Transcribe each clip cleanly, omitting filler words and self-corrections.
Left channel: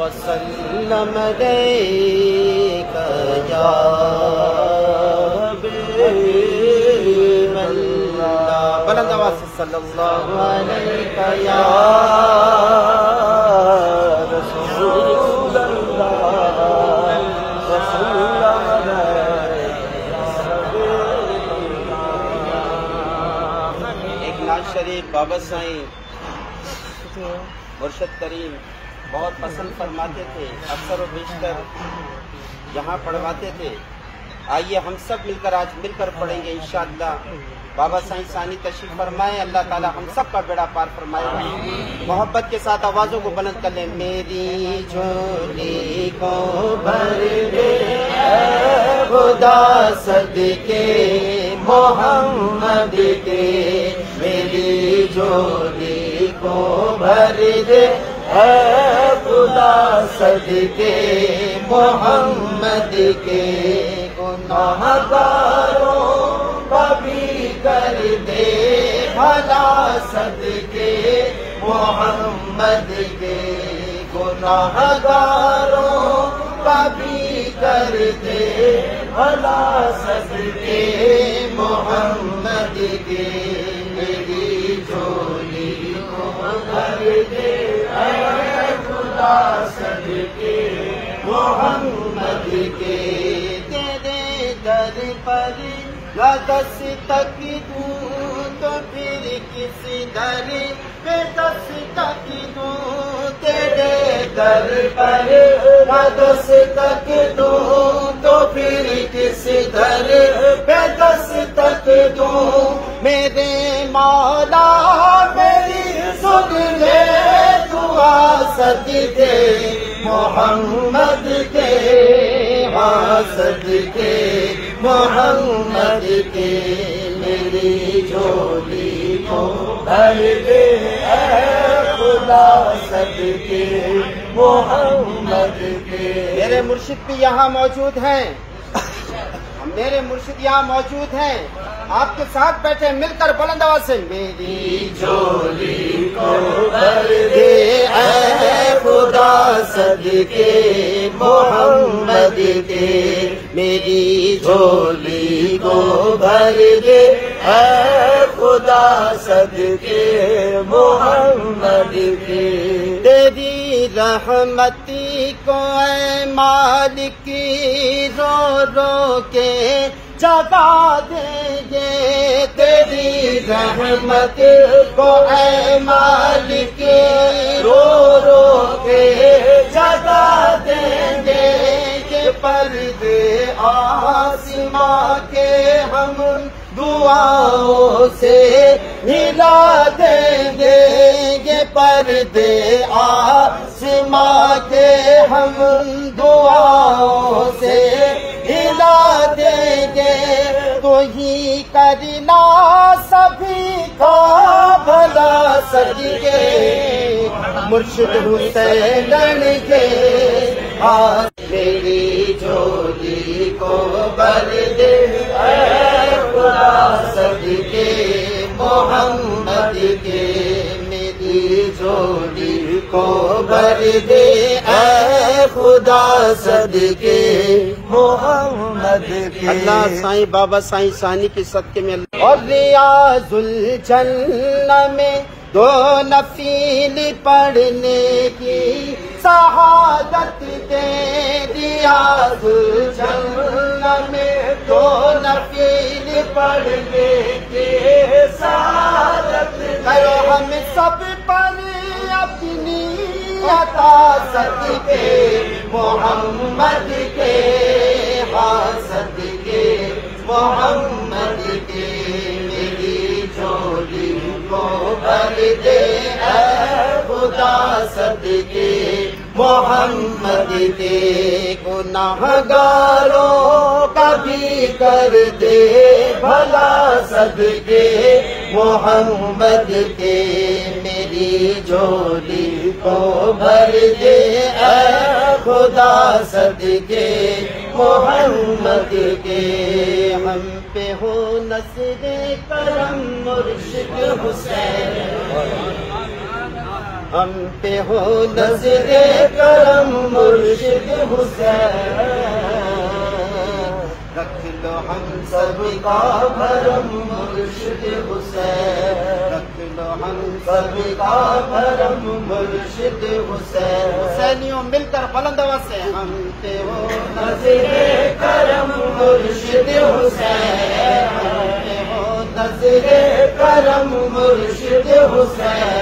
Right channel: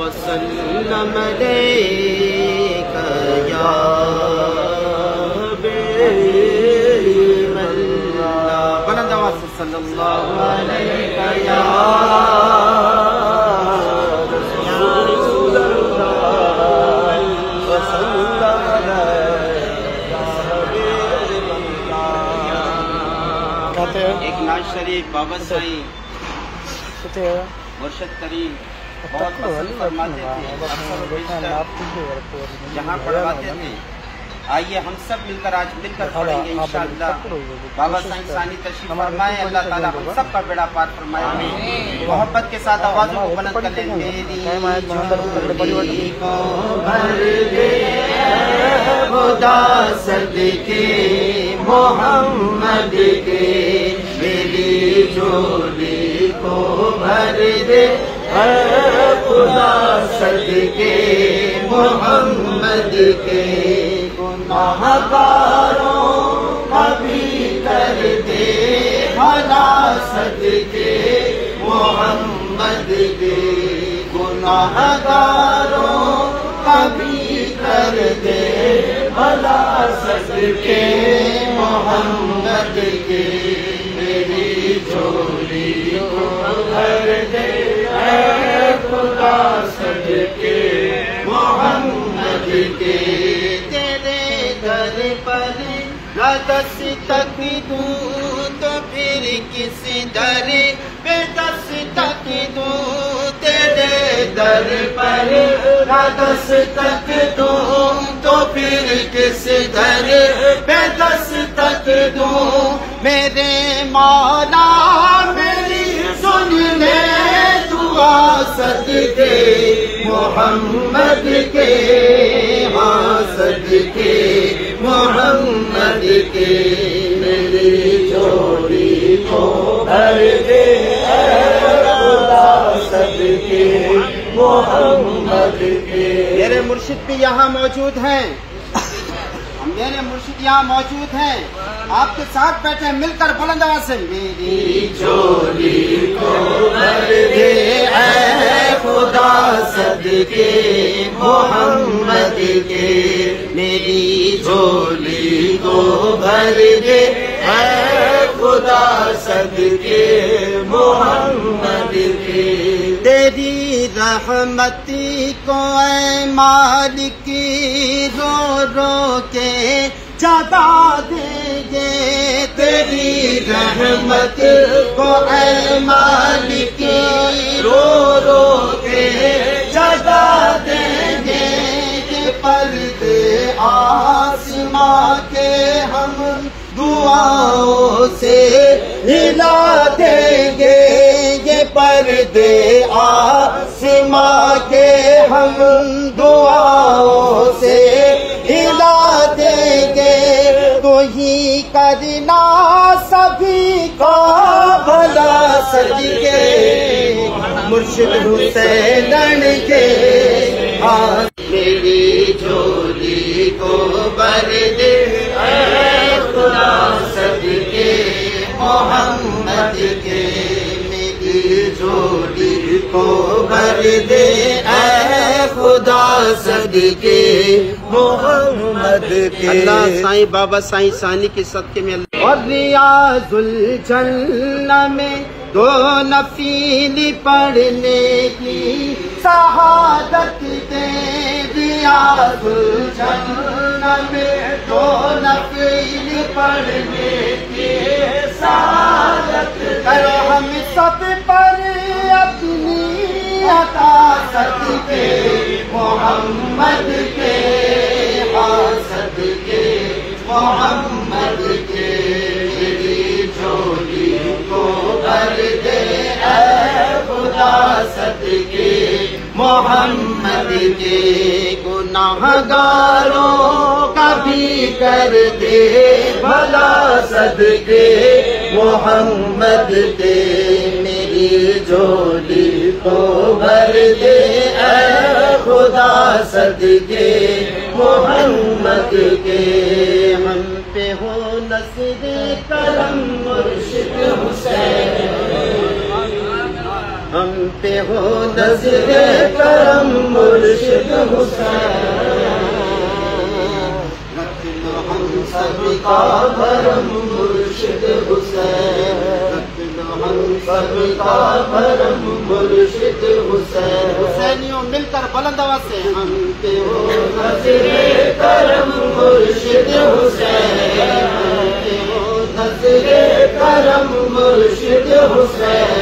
وسلم عليك يا حبيب الله بلند آواز سے صلی اللہ علیہ یا ایک نعت شریف بابا سائیں مرشد کریم بہت پسند فرماتے تھے، اکثر و بیشتر جہاں پڑھواتے تھے. آئیے ہم سب مل کر آج مل کر پڑھیں گے انشاءاللہ. بابا سائیں ثانی تشریف فرمائیں، اللہ تعالیٰ ہم سب کا بیڑا پار فرمائے. محبت کے ساتھ آوازوں کو بلند کر لیں. میری جھولی کو بھر دے خدا صدقے محمد کے، میری جھولی کو بھر دے خدا صدقے محمد کے. گناہگاروں کا بھی کر دے بھلا صدقے محمد کے. گناہگاروں کا بھی کر دے بھلا صدقے محمد کے. میری جھولی کو بھر دے اے خدا صدقے محمد کے. تیرے در پر دستک دوں تو پھر کس در پہ دستک دوں. تیرے در پر دستک دوں تو پھر کس در پہ دستک دوں. میرے مولا میری سن لے دعا صدقے محمد کے، ہاں صدقے محمد کے. میری جھولی کو بھر دے صدقے محمد کے. میرے مرشد بھی یہاں موجود ہیں، میرے مرشد یہاں موجود ہیں، آپ کے ساتھ بیٹھے مل کر بلند آواز سے. میری جھولی کو بھر دے اے خدا صدقے محمد کے. میری جھولی کو بھر دے اے خدا صدقے محمد کے. تیری رحمتی کو اے مالک رو رو کے جگا دیں گے. تیری رحمت کو اے مالک رو رو کے جگا دیں گے. کہ پردے آسماں کے ہم دعاؤں سے ہلا دیں گے. یہ پردے آسماں کے ہم دعاؤں سے ہلا دیں گے. تو ہی کرنا سبھی کا بنا صدقے مرشد حسین کے. میری جھولی کو بھر دے اے خدا صدقے محمد کے. میری جھولی کو بھر دے اے خدا صدقے محمد کے. سائیں بابا سائیں ثانی کے صدقے میں. اور ریاض الجنہ میں دو نفیل پڑھنے کی سعادت دے. ریاض الجنہ میں دو نفیل پڑھنے کی سعادت دے. ہم سب پر اپنی عطا صدقے محمد کے، صدقے محمد کے. میری جھولی کو بھر دے اے خدا صدقے محمد کے. گناہگاروں کا بھی کر دے بھلا صدقے محمد کے. میری جھولی کو بھر دے اے خدا صدقے محمد کے. ہم پہ ہو نصر کرم مرشد حسین ہو نظر کرم مرشد حسین، رکھ لو ہم سب کا بھرم مرشد حسین، رکھ لو ہم سب کا بھرم مرشد حسین۔ حسینیوں مل کر بلند آواز سے ہم پہ ہو نظر کرم مرشد حسین، ہم پہ ہو نظر کرم مرشد حسین،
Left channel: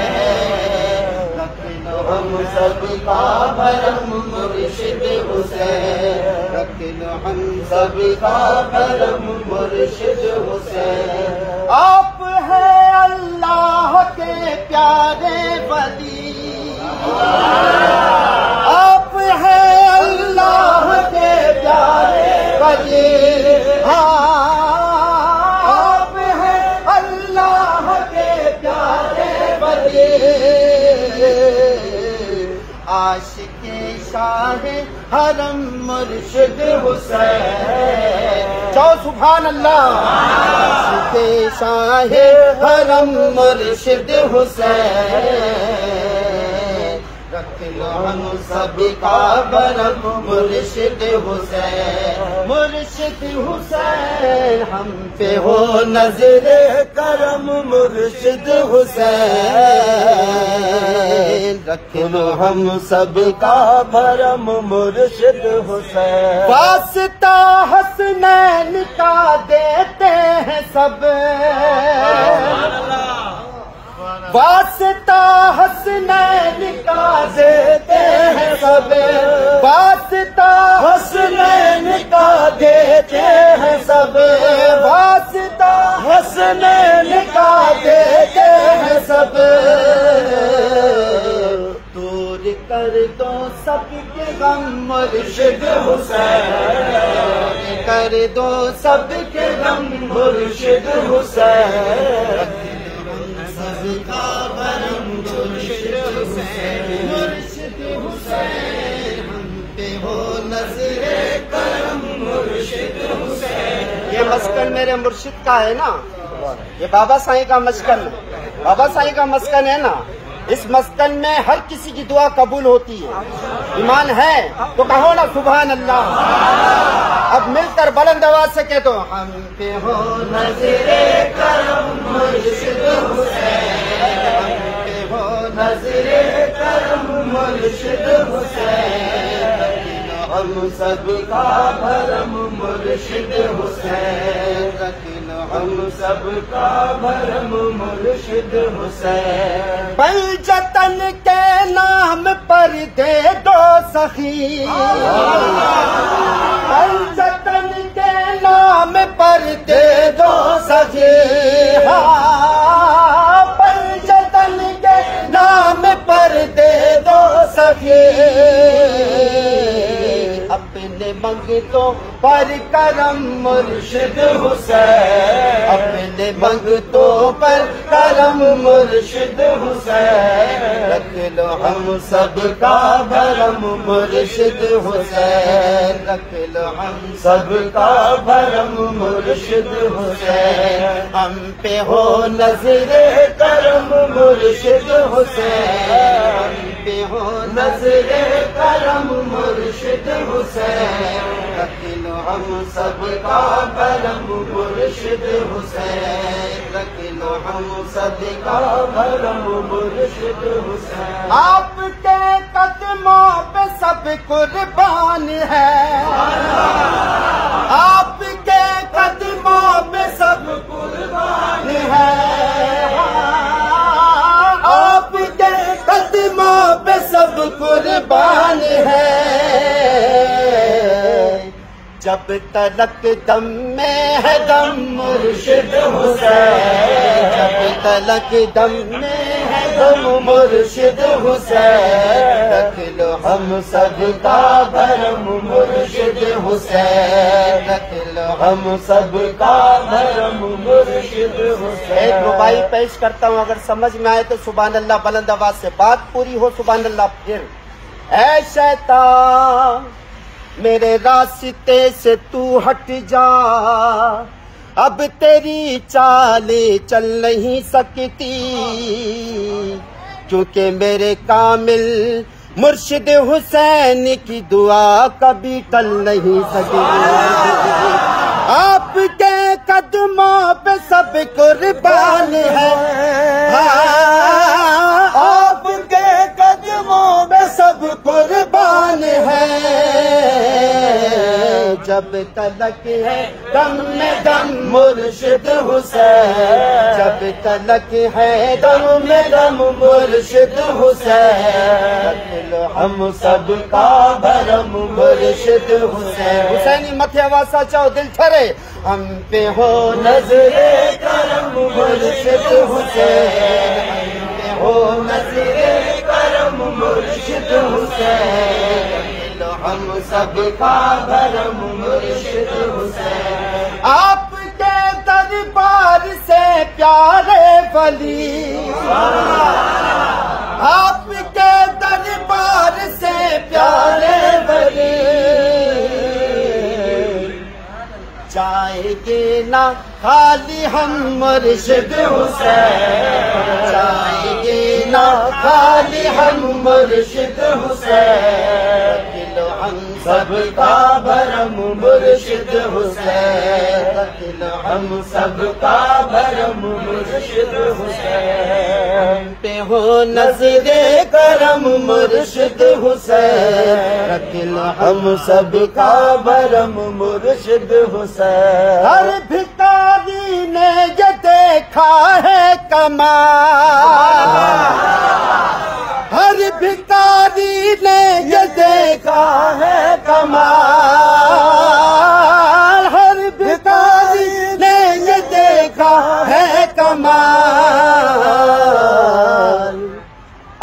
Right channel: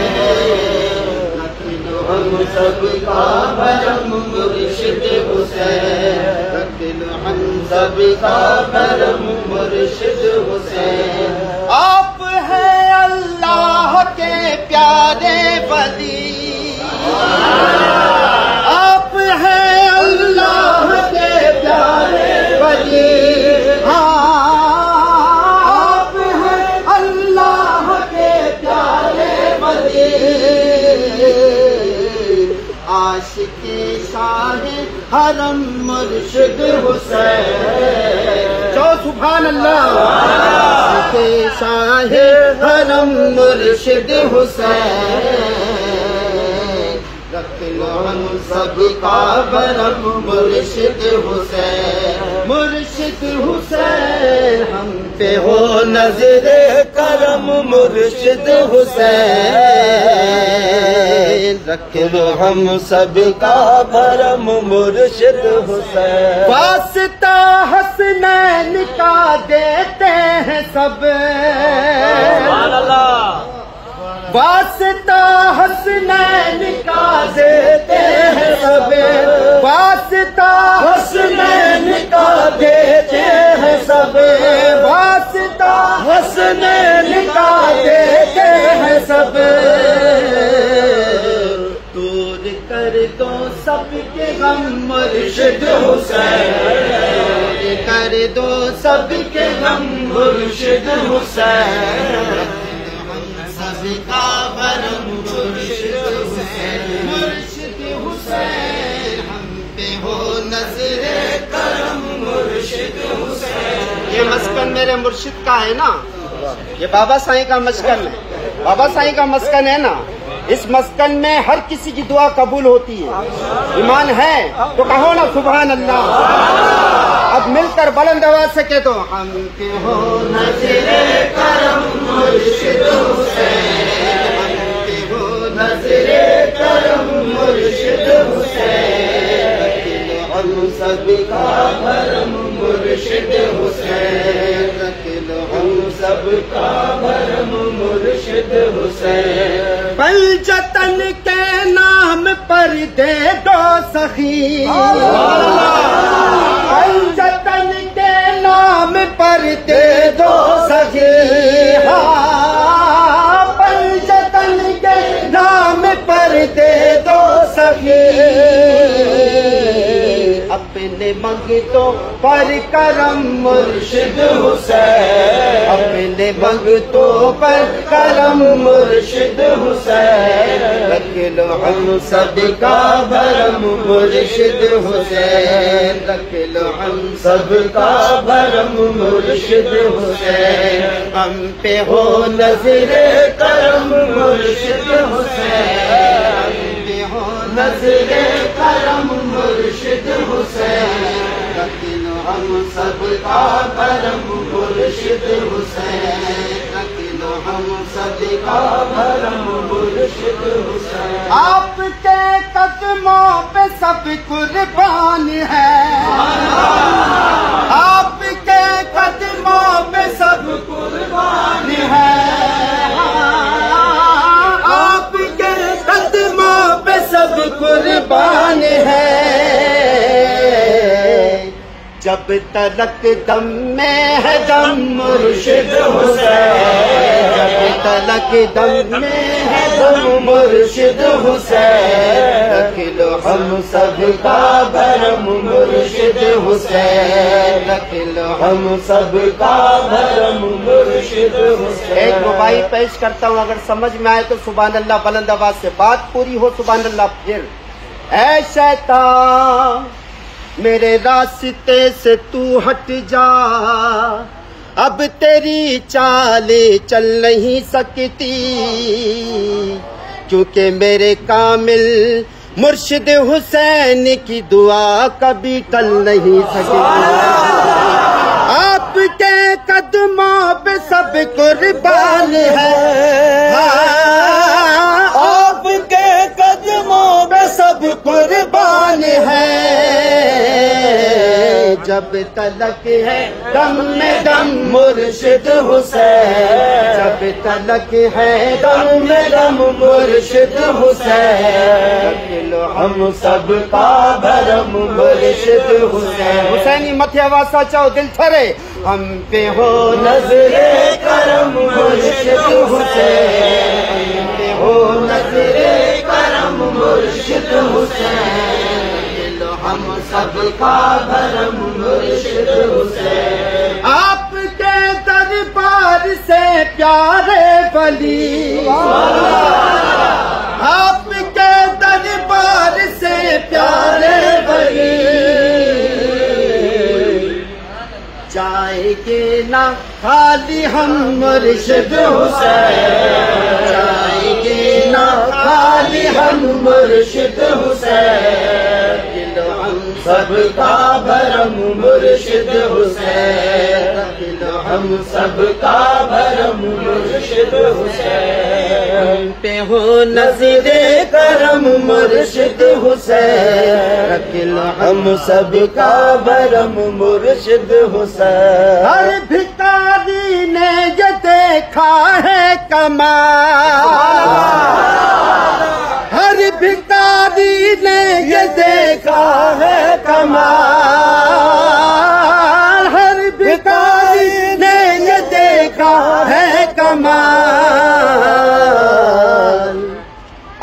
رکھ لو ہم سب کا بھرم مرشد حسین، رکھ لو ہم سب کا بھرم مرشد حسین۔ آپ ہیں اللہ کے پیارے ولی، آپ ہیں اللہ کے پیارے ولی، آپ ہیں اللہ کے پیارے ولی، عاشقی شاہ حرم مرشد حسین، چاہو سبحان اللہ، شاہ حرم مرشد حسین، رکھ لو ہم سب کا بھرم مرشد حسین، مرشد حسین، ہم پہ ہو نظر کرم مرشد حسین، رکھ لو ہم سب کا بھرم مرشد حسین۔ واسطہ حسنین کا دیتے ہیں سب، سبحان اللہ، واسطہ حسنین کا دیتے ہیں سب، واسطہ حسنین کا دیتے ہیں سب، واسطہ حسنین کا دیتے ہیں سب، دور کر دو سب کے غم مرشد حسین، دور کر دو سب کے غم مرشد حسین، سب کا بھرم مرشد حسین، مرشد حسین، ہم پہ ہو نظر کرم مرشد حسین۔ یہ مسکن میرے مرشد کا ہے نا، یہ بابا سائیں کا مسکن ہے، بابا سائیں کا مسکن ہے نا، اس مسکن میں ہر کسی کی دعا قبول ہوتی ہے، ایمان ہے تو کہو نا سبحان اللہ۔ اب مل کر بلند آواز سے کہتا ہوں، ہم پہ ہو نظر کرم مرشد حسین، ہم پہ ہو نظر کرم مرشد حسین، ہم سب کا بھرم مرشد حسین، ہم سب کا بھرم مرشد حسین۔ پنجتن کے نام پر دے دو سخی، پنجتن کے نام پر دے دو سخی، پنجتن کے نام پر دے دو سخی، اپنے منگتوں پر کرم مرشد حسین، اپنے منگتوں پر کرم مرشد حسین، رکھ لو ہم سب کا بھرم مرشد حسین، رکھ لو ہم سب کا بھرم مرشد حسین، ہم پہ ہو نظر کرم مرشد حسین، ہم پہ ہو نظر کرم مرشد حسین، رکھ لو ہم سب کا بھرم مرشد حسین، رکھ لو ہم سب کا بھرم مرشد حسین۔ آپ کے قدموں پہ سب قربان ہے، آپ کے قدموں پہ سب قربان ہے، آپ کے قدموں پہ سب قربان ہے، جب تلک دم میں ہے دم مرشد حسین، جب تلک دم میں ہے دم مرشد حسین، رکھ لو ہم سب کا بھرم مرشد حسین، رکھ لو ہم سب کا بھرم مرشد حسین۔ ایک دعائی پیش کرتا ہوں، اگر سمجھ میں آئے تو سبحان اللہ بلند آواز سے، بات پوری ہو سبحان اللہ پھر۔ اے شیطان میرے راستے سے تو ہٹ جا، اب تیری چال چل نہیں سکتی، کیونکہ میرے کامل مرشد حسین کی دعا کبھی ٹل نہیں سکے آپ کے قدموں پہ سب قربان ہے آپ کے قدموں پہ سب قربان ہے جب تلک ہے دم میں دم مرشد حسین جب تلک ہے دم میں دم مرشد حسین ہم سب کا بھرم مرشد حسین حسینی متھے واسا چاہو دل تھرے ہم پہ ہو نظر کرم مرشد حسین ہو نظر کرم مرشد حسین ہم سب کا بھرم مرشد حسین آپ کے دربار سے پیارے ولی آپ کے دربار سے پیارے ولی جائیں گے نہ خالی ہم مرشد حسین جائیں گے نہ خالی ہم مرشد حسین ہم سب کا بھرم مرشد حسین ہم سب کا بھرم مرشد حسین پہ ہو نظر کرم مرشد حسین ہم سب کا بھرم مرشد حسین ہر بھکاری نے یہ دیکھا ہے کمال ہر بھکاری نے یہ دیکھا ہے کمال ہر بھکاری نے یہ دیکھا ہے کمال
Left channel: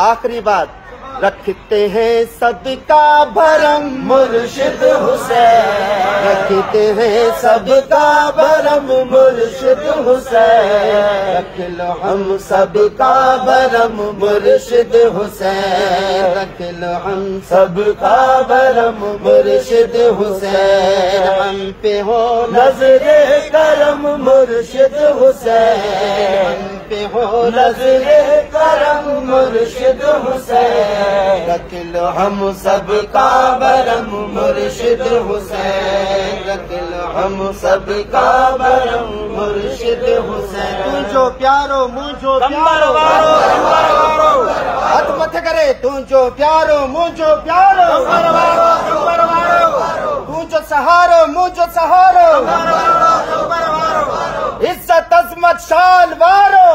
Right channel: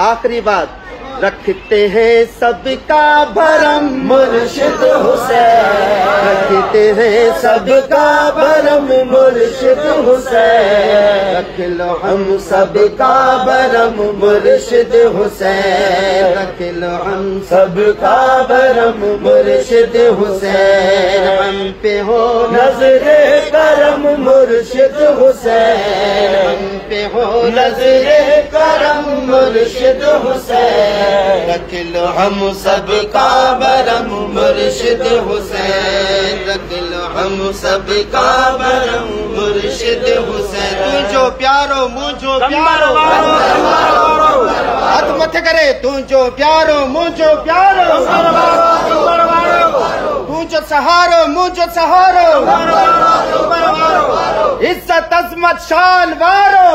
آخری بات رکھتے ہیں سب کا بھرم مرشد حسین رکھتے ہیں سب کا بھرم مرشد حسین رکھ لو ہم سب کا بھرم مرشد حسین رکھ لو ہم سب کا بھرم مرشد حسین ہم پہ ہو نظر کرم مرشد حسین ہم پہ ہو نظر کرم مرشد حسین رکھ لو ہم سب کا بھرم مرشد حسین رکھ لو ہم سب کا بھرم مرشد حسین تجھو پیارو مجھو پیارو ہاتھ مت کرے تجھو پیارو مجھو پیارو تجھو سہارو مجھو سہارو عزت عظمت شان وارو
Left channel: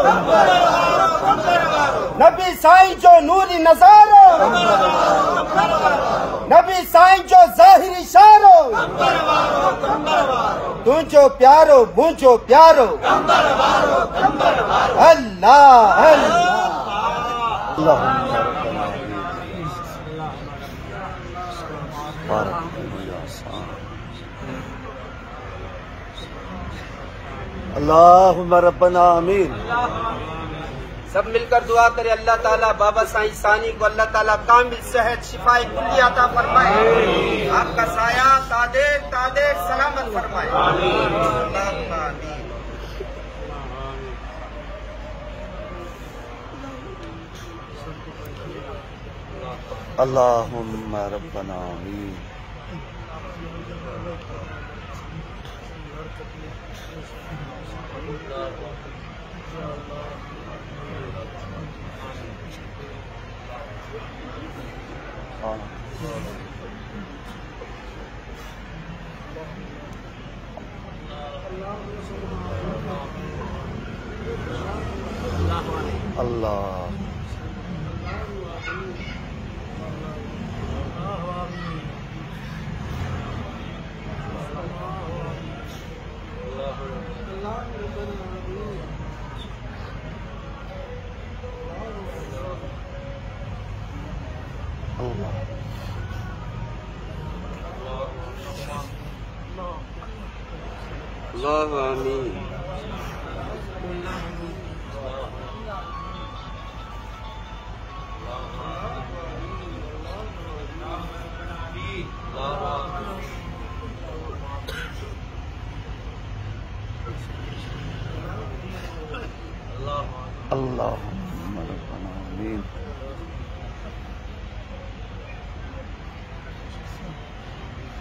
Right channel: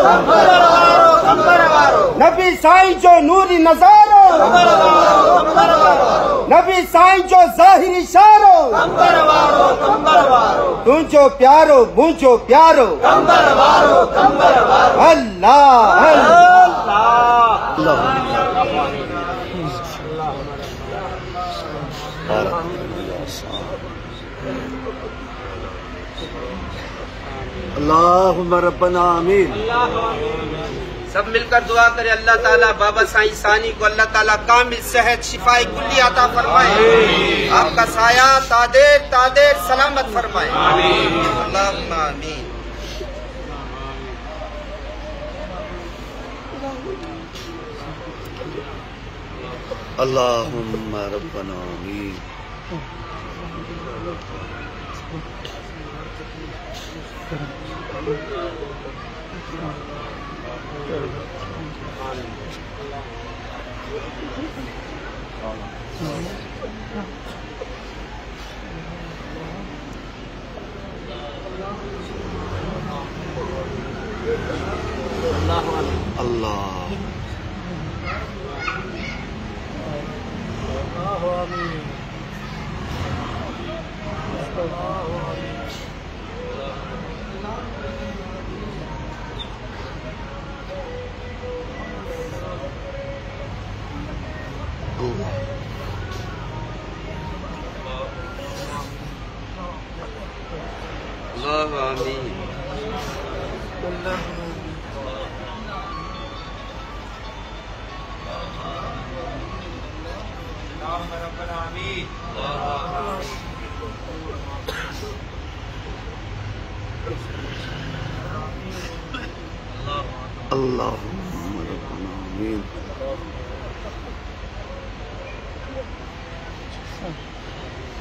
نبی سائیں جو نوری نظارو نبی سائیں جو ظاہری شارو تجھو پیارو مجھو پیارو اللہ اللہم ربنا آمین سب مل کر دعا کرے اللہ تعالیٰ بابا سائیں ثانی کو اللہ تعالیٰ کامل صحت شفائی کلی عطا فرمائے آپ کا سایہ تادیر سلامت فرمائے اللہم آمین اللہم ربنا آمین اللہ اللہم آمین اللهم ربنا آمین.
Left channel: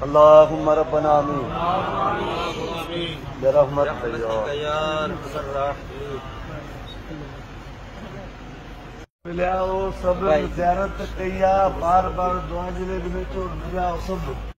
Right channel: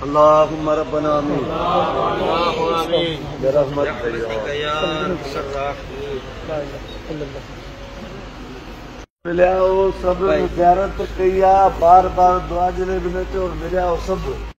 اللهم ربنا آمین. ملے آؤ سب زیارت کیا بار بار دعا جلے بنے تو ملے آؤ سب.